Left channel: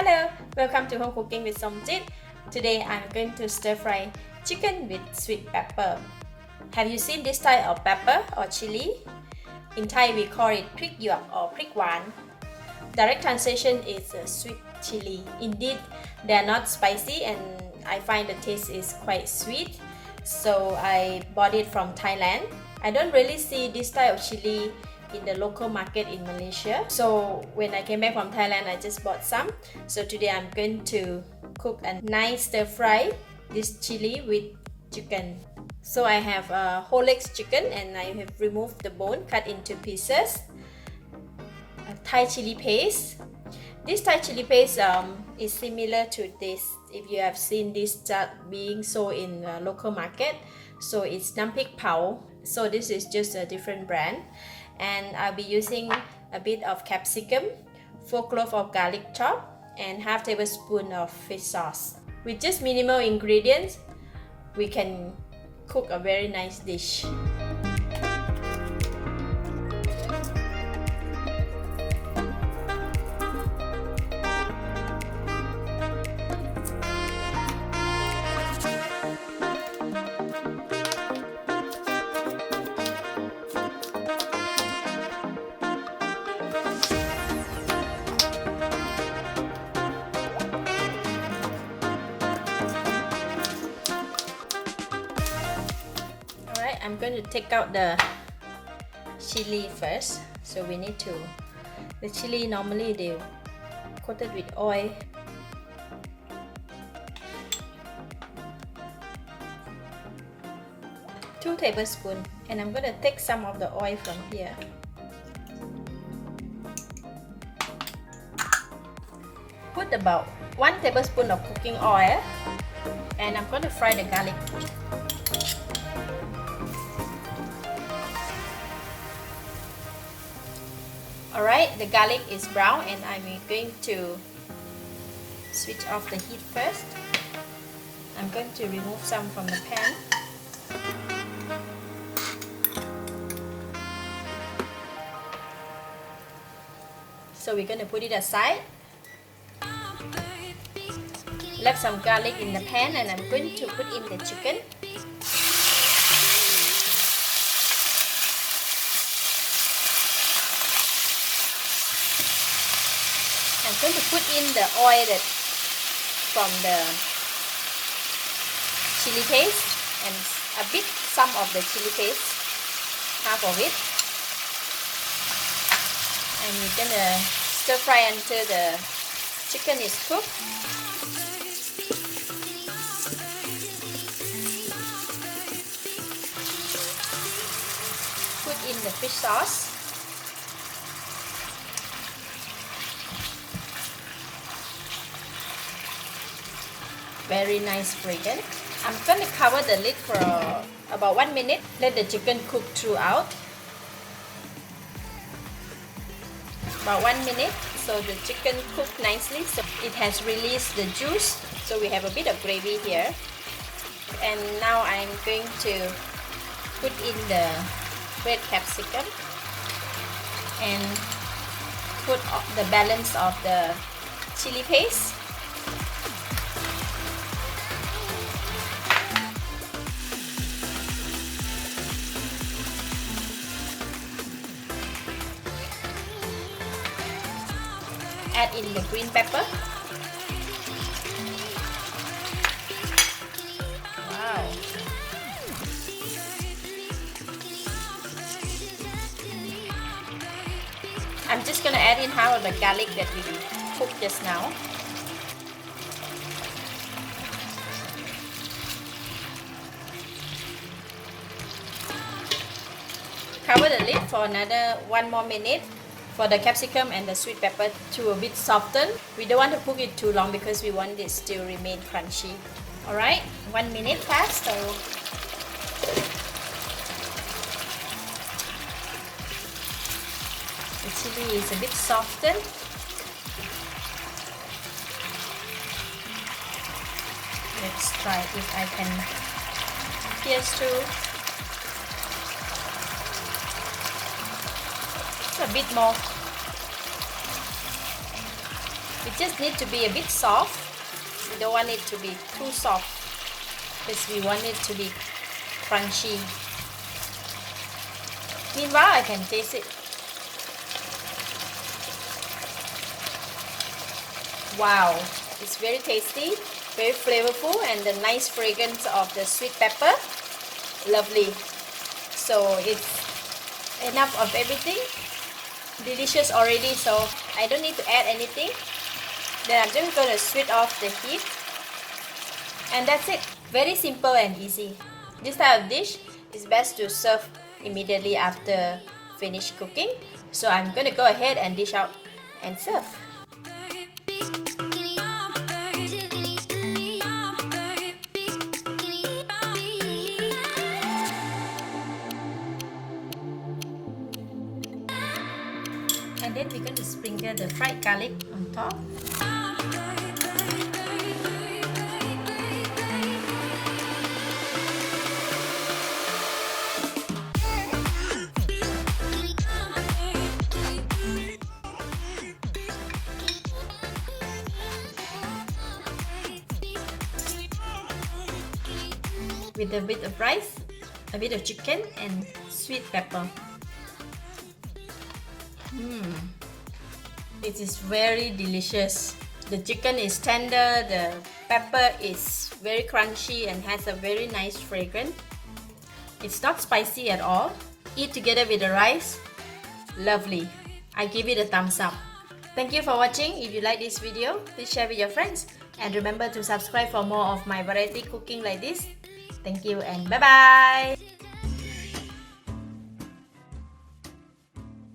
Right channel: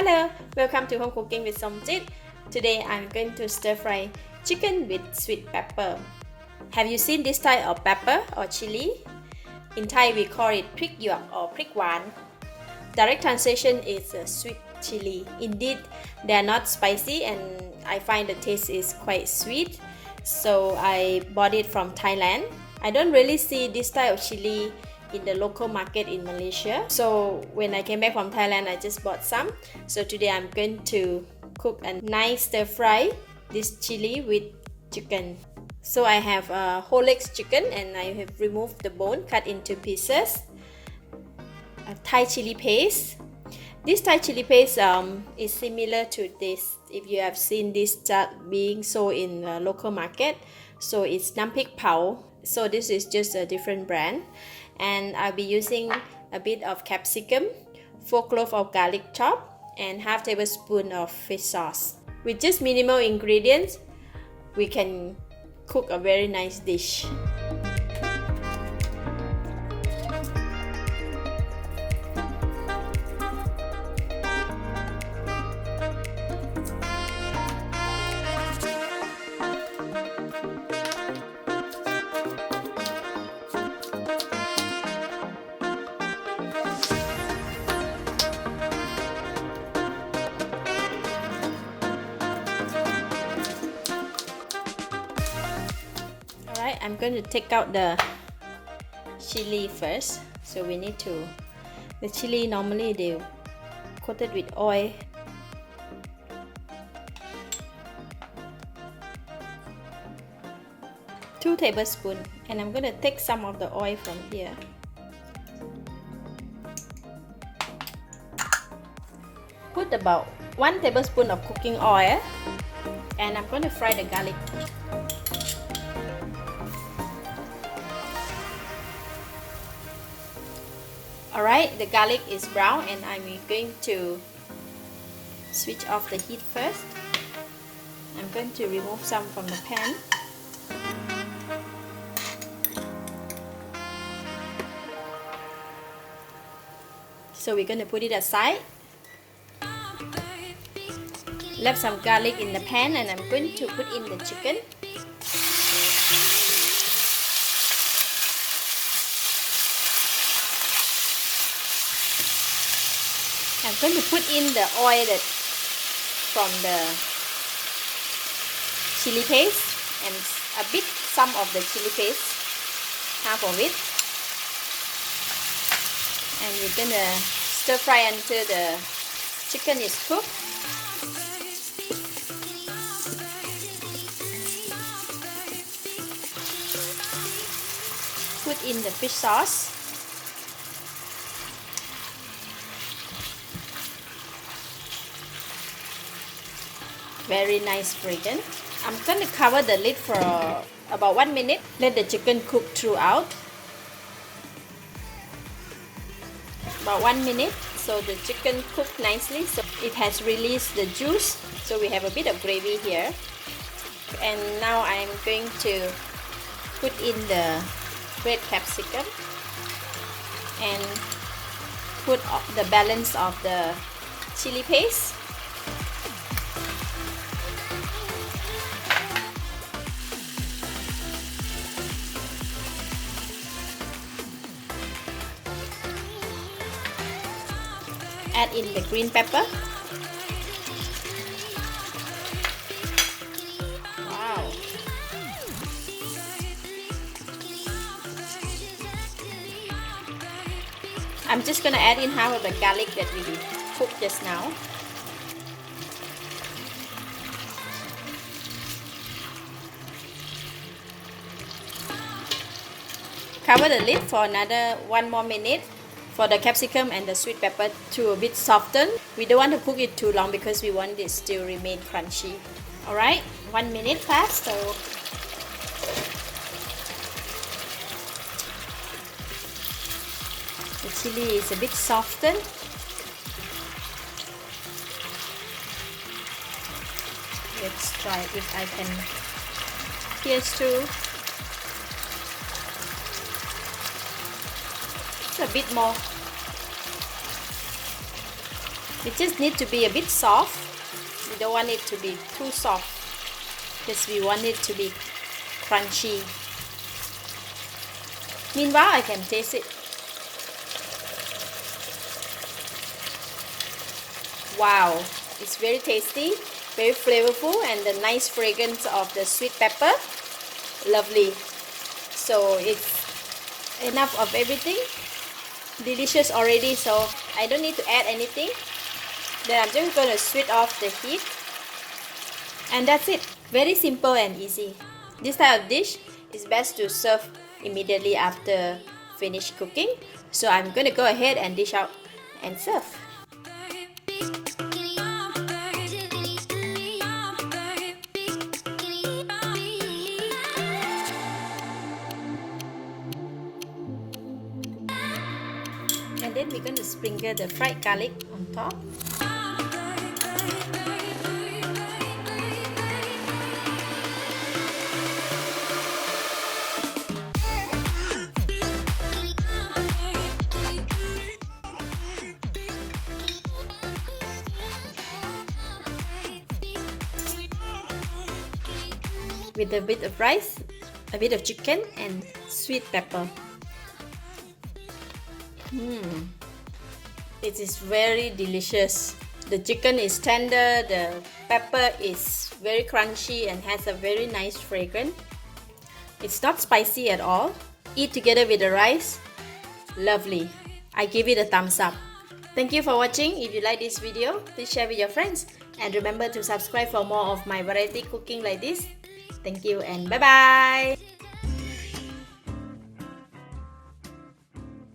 Hello, welcome to Home Cooking with Somjit. Today I'm going to stir fry chicken with sweet pepper. Have you seen this type of pepper or chili? In Thai we call it Prik Pao or Prik Pao. Direct translation is sweet chili. Indeed, they are not spicy and I find the taste is quite sweet. So I bought it from Thailand. I don't really see this type of chili in the local market in Malaysia. So when I came back from Thailand, I just bought some. So today I'm going to cook a nice stir fry this chili with chicken. So I have a whole leg chicken and I have removed the bone, cut into pieces. A Thai chili paste. This Thai chili paste is similar to this. If you have seen this being sold in the local market, so it's Prik Pao. So this is just a different brand. And I'll be using a bit of capsicum, 4 cloves of garlic chopped, and half tablespoon of fish sauce. With just minimal ingredients, we can cook a very nice dish. I'm going to take out the chili first. So we need to, the chili normally they coated with oil. Two tablespoons, and I'm going to take some of the oil from here. Put about 1 tablespoon of cooking oil, and I'm going to fry the garlic. Alright, the garlic is brown and I'm going to switch off the heat first. I'm going to remove some from the pan. So we're going to put it aside. Left some garlic in the pan and I'm going to put in the chicken. I'm going to put in the oil from the chili paste and a bit some of the chili paste, half of it, and we're gonna stir fry until the chicken is cooked. Put in the fish sauce. Very nice fragrance. I'm going to cover the lid for about 1 minute. Let the chicken cook throughout. About 1 minute, so the chicken cooked nicely. So it has released the juice. So we have a bit of gravy here. And now I'm going to put in the red capsicum and put the balance of the chili paste. Add in the green pepper. Wow. I'm just gonna add in half of the garlic that we cooked just now. Cover the lid for another 1 more minute for the capsicum and the sweet pepper to a bit soften. We don't want to cook it too long because we want it still remain crunchy. Alright, 1 minute passed, so the chili is a bit softened. Let's try if I can pierce through. A bit more. We just need to be a bit soft. We don't want it to be too soft because we want it to be crunchy. Meanwhile, I can taste it. Wow, it's very tasty, very flavorful, and the nice fragrance of the sweet pepper. Lovely. So it's enough of everything. Delicious already, so I don't need to add anything. Then I'm just going to switch off the heat. And that's it. Very simple and easy. This type of dish is best to serve immediately after finish cooking. So I'm going to go ahead and dish out and serve. And then we're going to sprinkle the fried garlic on top. With a bit of rice, a bit of chicken, and sweet pepper. It is very delicious. The chicken is tender, the pepper is very crunchy and has a very nice fragrance. It's not spicy at all. Eat together with the rice. Lovely. I give it a thumbs up. Thank you for watching. If you like this video, please share with your friends. And remember to subscribe for more of my variety cooking like this. Thank you and bye-bye.